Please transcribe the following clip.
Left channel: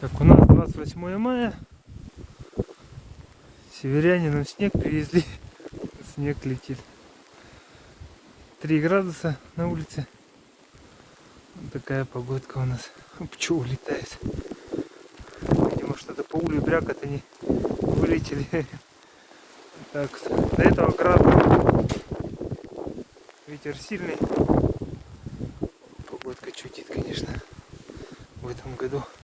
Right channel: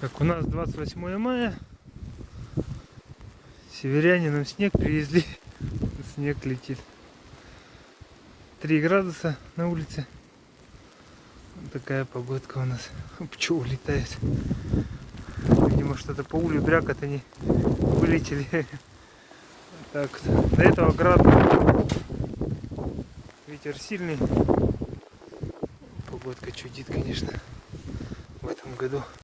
Так, у нас 28 мая. Северяне нам снег привезли. Снег летит. 3 градуса на улице. Вот такая погодка у нас. Пчелы летает. Видимо, что-то по улью брякот они вылетели. Так, до этого град. Ветер сильный. Погодка чудит, конечно, в этом году.